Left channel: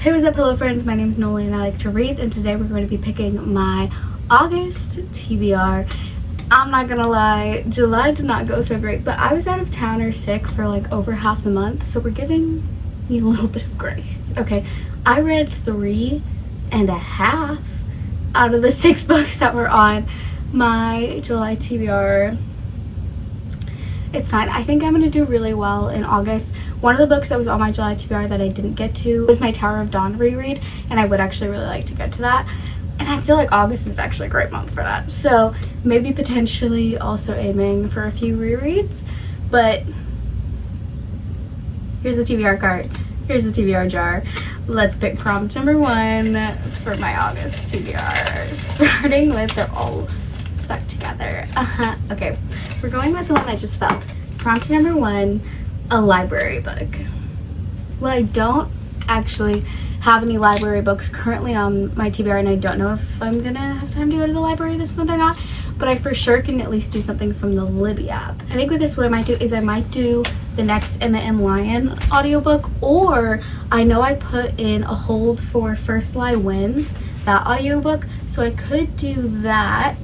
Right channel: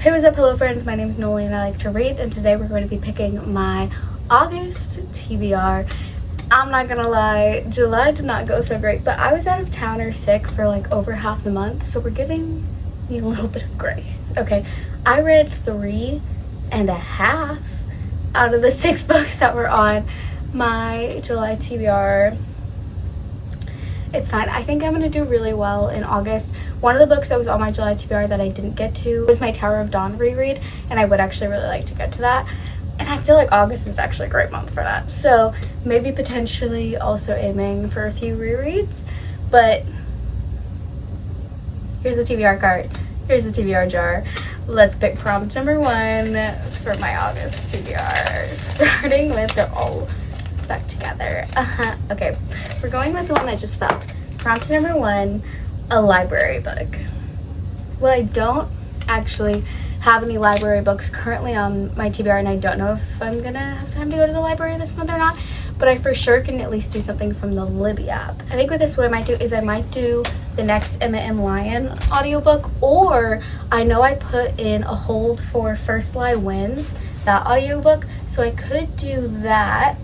Hey, what's up, hello friends? My name is Noli and I like to read, and today we're going to be picking my August TBR. I'm not gonna lie, July did not go so great, but I was out of town or sick for like over half the month, so we're giving me a little bit of grace. Okay, I read 3.5 out of the 6 books that were on my July TBR. It's fine. I think I'm going to do really well in August. One of the books that was on my July TBR that I didn't get to was my Tower of Dawn reread, and I would actually really like to get to that. And I feel like August is actually a great month for that. So maybe potentially also aiming for a few rereads. But here's the TBR card. Here's the TBR jar. Let's pick prompt number 1 for my August TBR. Starting with, they're all stuck together. Okay, we're going with the one that just fell. Prompt number 1, a library book. Well, I don't actually have any library books currently on my TBR, and I don't know if I'm gonna have time to go to the library this month or not, but I for sure can at least do something from the Libby app. I think with this, what I might do is I might do the next Emma M. Lyon audiobook, or I know I put in a hold for First Lie Wins, that audiobook, so I could do that.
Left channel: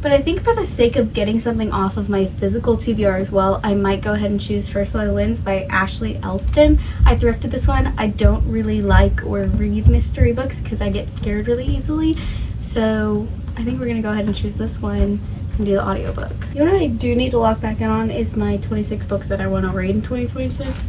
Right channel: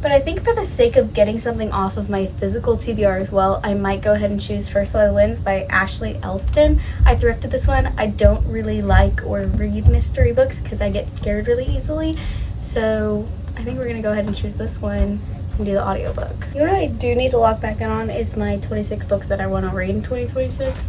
But I think for the sake of getting something off of my physical TBR as well, I might go ahead and choose First Lie Wins by Ashley Elston. I thrifted this one. I don't really like or read mystery books because I get scared really easily. So I think we're going to go ahead and choose this one and do the audiobook. You know what I do need to lock back in on is my 26 books that I want to read in 2026.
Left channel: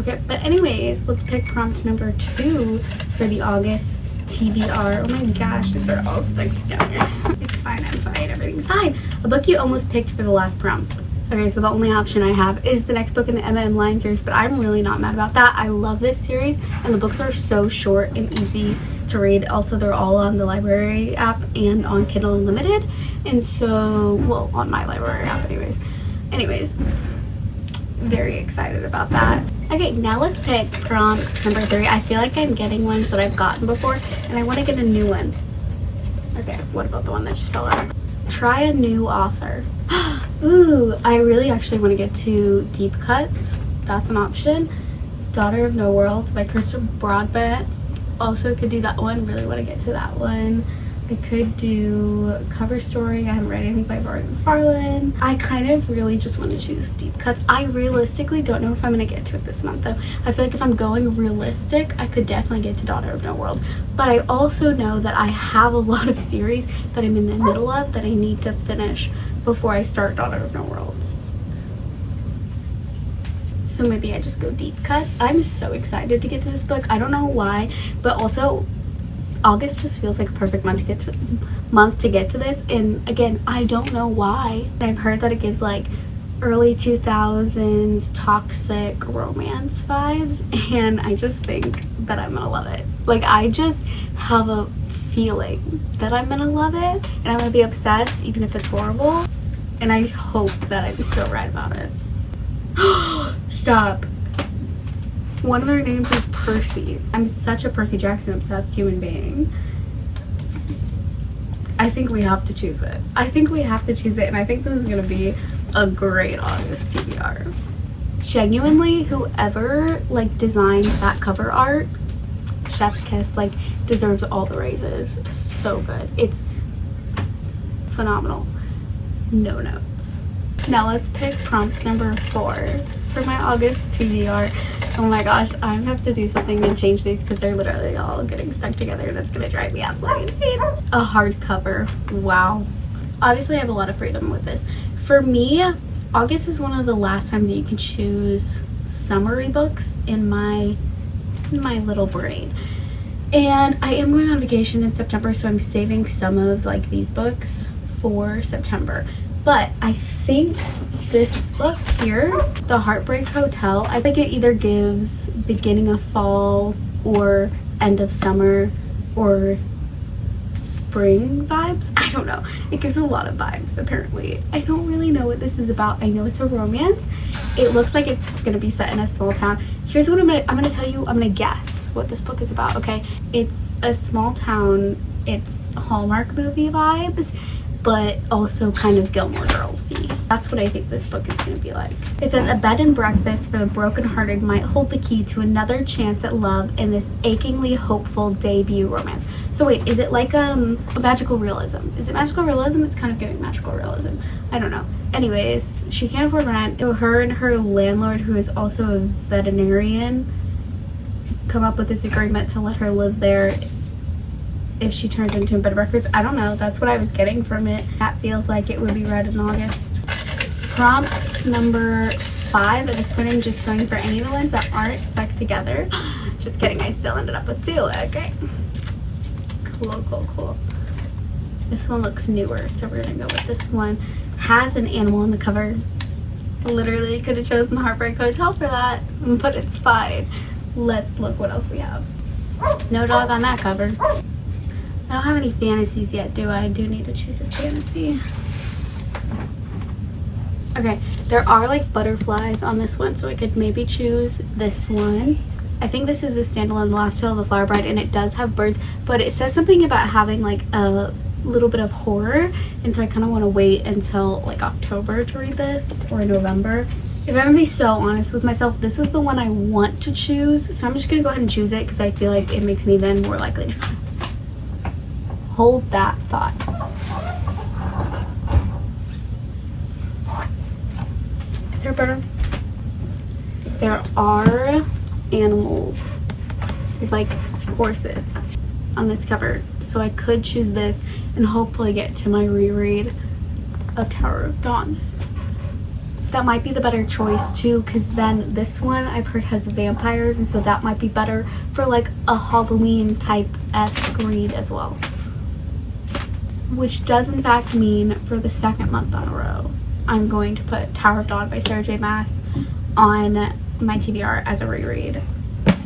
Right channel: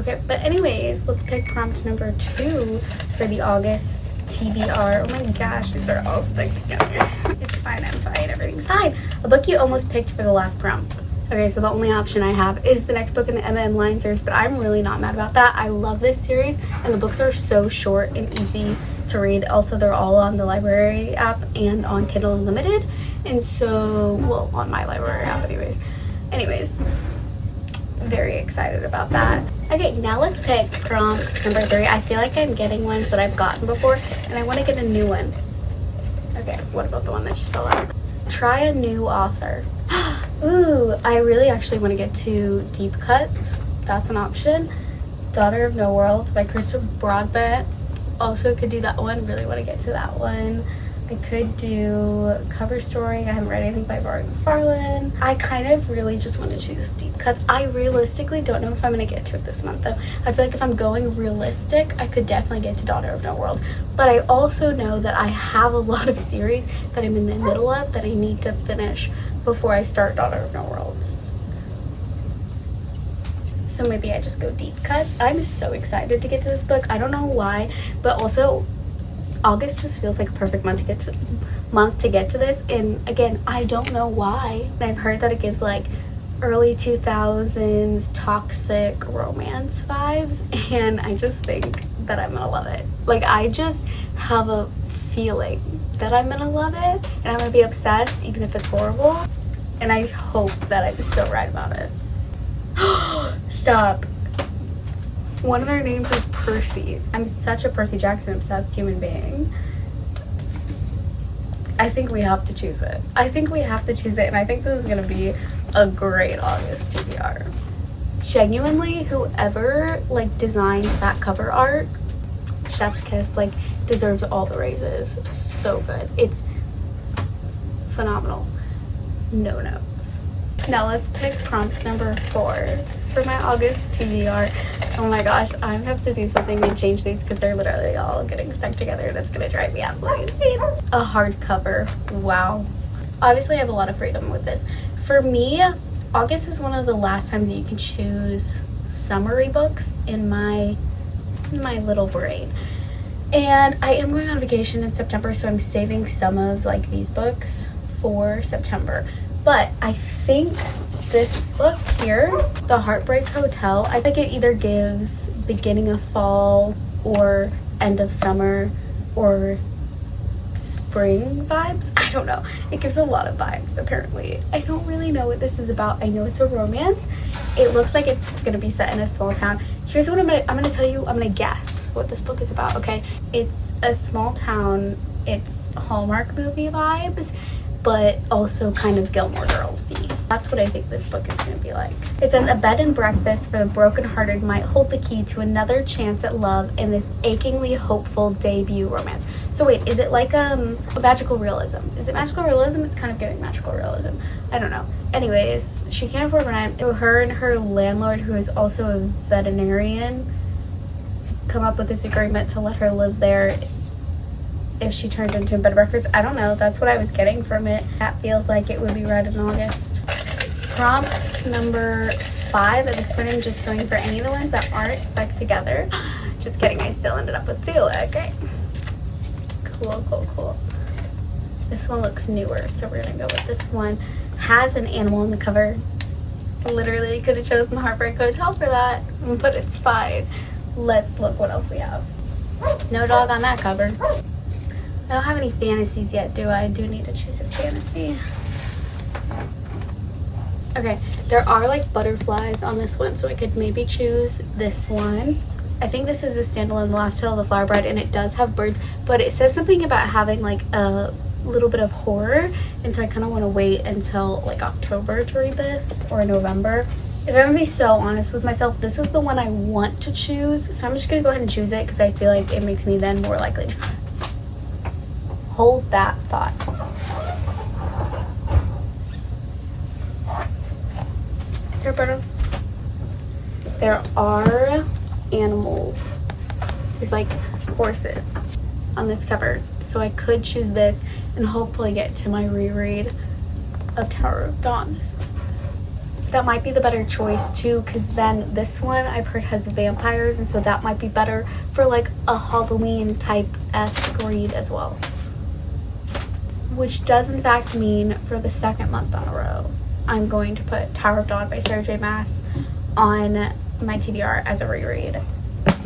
Okay, but anyways, let's pick prompt number 2 for the August TBR. Oh my gosh, these are all stuck together. It's fine, I'm fine, everything's fine. A book you almost picked for the last prompt. Okay, so the only option I have is the next book in the Emma M. Lyon series, but I'm really not mad about that. I love this series, and the books are so short and easy to read. Also, they're all on the library app and on Kindle Unlimited, and so, well, on my library app anyways. Very excited about that. Okay, now let's pick prompt number 3. I feel like I'm getting ones that I've gotten before, and I want to get a new one. Okay, what about the one that just fell out? Try a new author. Ooh, I really actually want to get to Deep Cuts. That's an option. Daughter of No World by Christopher Broadbent. Also could do that one. Really want to get to that one. I could do Cover Story. I haven't read anything by Barry McFarlane. I kind of really just want to choose Deep Cuts. I realistically don't know if I'm going to get to it this month though. I feel like if I'm going realistic, I could definitely get to Daughter of No World. But I also know that I have a lot of series that I'm in the middle of that I need to finish before I start Daughter of No Worlds. So maybe I just go Deep Cuts. I'm so excited to get to this book. I don't know why, but also August just feels like a perfect month to get to this, and again, I don't know why. I've heard that it gives like early 2000s toxic romance vibes, and I just think that I'm gonna love it. Like, I just have a feeling that I'm gonna love it, and I'm gonna be obsessed even if it's horrible, and I hope that I'm so right about it. Stop. One of their names is Percy. I'm such a Percy Jackson obsessed human being. I think we have to choose it. And I think this is gonna be a great August TBR. Genuinely, whoever like designed that cover art, chef's kiss, like deserves all the raises. So good. It's phenomenal. No notes. Now let's pick prompts number 4 for my August TBR. Oh my gosh, I have to do something and change these because they're literally all getting stuck together, and it's gonna drive me absolutely insane. A hardcover. Wow. Obviously, I have a lot of freedom with this. For me, August is one of the last times that you can choose summary books in my little brain. And I am going on vacation in September, so I'm saving some of like these books for September. But I think this book here, The Heartbreak Hotel, I think it either gives beginning of fall or end of summer or spring vibes. I don't know. It gives a lot of vibes, apparently. I don't really know what this is about. I know it's a romance. It looks like it's gonna be set in a small town. Here's what I'm gonna tell you. I'm gonna guess what this book is about, okay? It's a small town. It's Hallmark movie vibes, but also kind of Gilmore Girls-y. That's what I think this book is going to be like. It says, a bed and breakfast for the brokenhearted might hold the key to another chance at love in this achingly hopeful debut romance. So wait, is it like a magical realism? Is it magical realism? It's kind of giving magical realism. I don't know. Anyways, she can't afford rent. Her and her landlord, who is also a veterinarian, come up with this agreement to let her live there if she turns into a bed and breakfast. I don't know. That's what I was getting from it. That feels like it would be read in August. Prompt number 5. At this point, I'm just going for any of the ones that aren't stuck together. Just kidding. I still ended up with 2. Okay. Cool. This one looks newer, so we're going to go with this one. Has an animal on the cover. Literally could have chosen the Heartbreak Hotel for that, but it's 5. Let's look what else we have. No dog on that cover. I don't have any fantasies yet, do I? I do need to choose a fantasy. Okay, there are like butterflies on this one, so I could maybe choose this one. I think this is a standalone, The Last Tale of the Flower Bride, and it does have birds, but it says something about having like a little bit of horror, and so I kind of want to wait until like October to read this, or November. If I'm gonna be so honest with myself, this is the one I want to choose, so I'm just gonna go ahead and choose it because I feel like it makes me then more likely to hold that thought. Is there a bird? There are animals. There's like horses on this cover, so I could choose this and hopefully get to my reread of Tower of Dawn this month. That might be the better choice too, because then this one I've heard has vampires, and so that might be better for like a Halloween type-esque read as well. Which does in fact mean for the 2nd month on a row, I'm going to put Tower of Dawn by Sarah J. Maas on my TBR as a reread.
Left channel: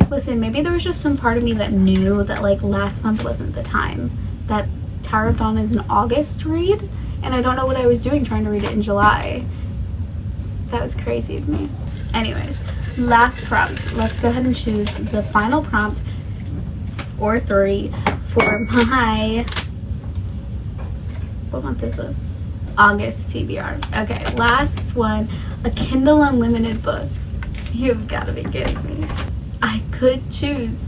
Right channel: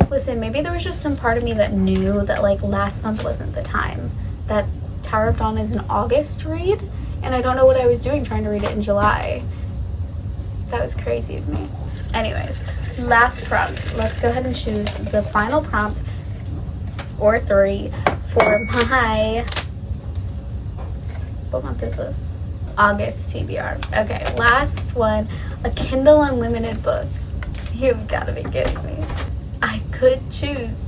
Listen, maybe there was just some part of me that knew that like last month wasn't the time. That Tower of Dawn is an August read, and I don't know what I was doing trying to read it in July. That was crazy of me. Anyways, last prompt. Let's go ahead and choose the final prompt, or 3, for my... What month is this? August TBR. Okay, last one. A Kindle Unlimited book. You've got to be kidding me. I could choose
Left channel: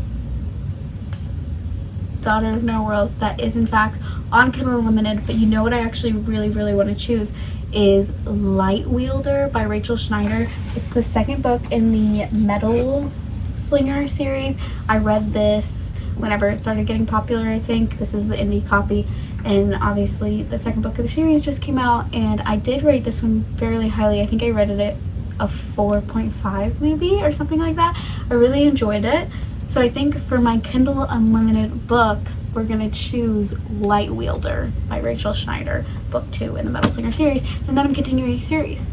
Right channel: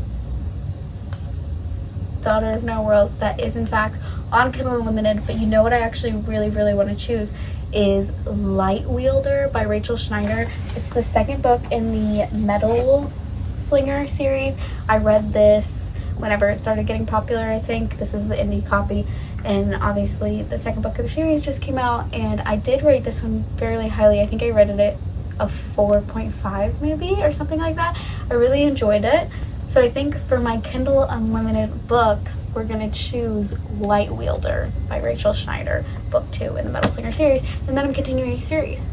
Daughter of No Worlds. That is in fact on Kindle Unlimited, but you know what I actually really want to choose is Light Wielder by Rachel Schneider. It's the 2nd book in the Metal Slinger series. I read this whenever it started getting popular, I think. This is the indie copy, and obviously the 2nd book of the series just came out, and I did rate this one fairly highly. I think I rated it a 4.5 maybe, or something like that. I really enjoyed it. So I think for my Kindle Unlimited book, we're gonna choose Light Wielder by Rachel Schneider, book 2 in the Metal Slinger series, and then I'm continuing the series.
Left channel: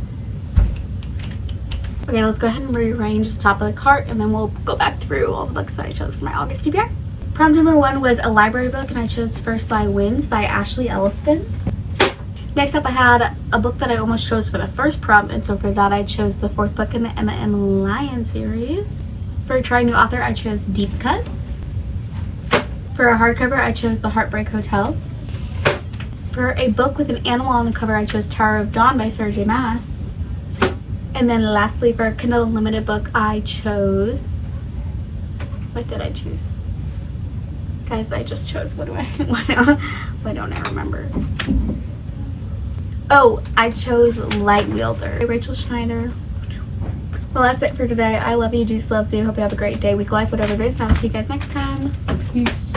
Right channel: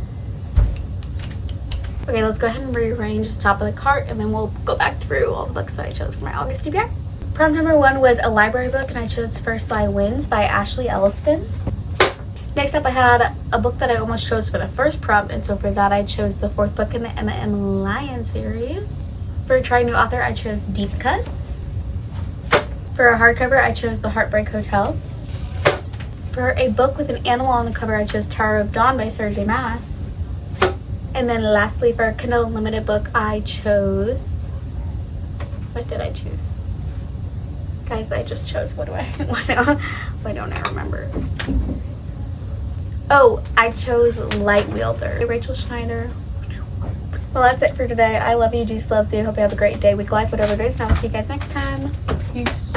Okay, let's go ahead and rearrange the top of the cart, and then we'll go back through all the books that I chose for my August TBR. Prompt number 1 was a library book, and I chose First Lie Wins by Ashley Elliston. Next up, I had a book that I almost chose for the first prompt, and so for that I chose the 4th book in the Emma M. Lyon series. For a try new author, I chose Deep Cuts. For a hardcover, I chose The Heartbreak Hotel. For a book with an animal on the cover, I chose Tower of Dawn by Sarah J. Maas. And then lastly, for a Kindle Unlimited book, I chose... What did I choose? Guys, I just chose... Why don't I remember? Oh, I chose Light Wielder by Rachel Schneider. Well, that's it for today. I love you. Jesus loves you. Hope you have a great day, week, life, whatever it is. And I'll see you guys next time. Peace.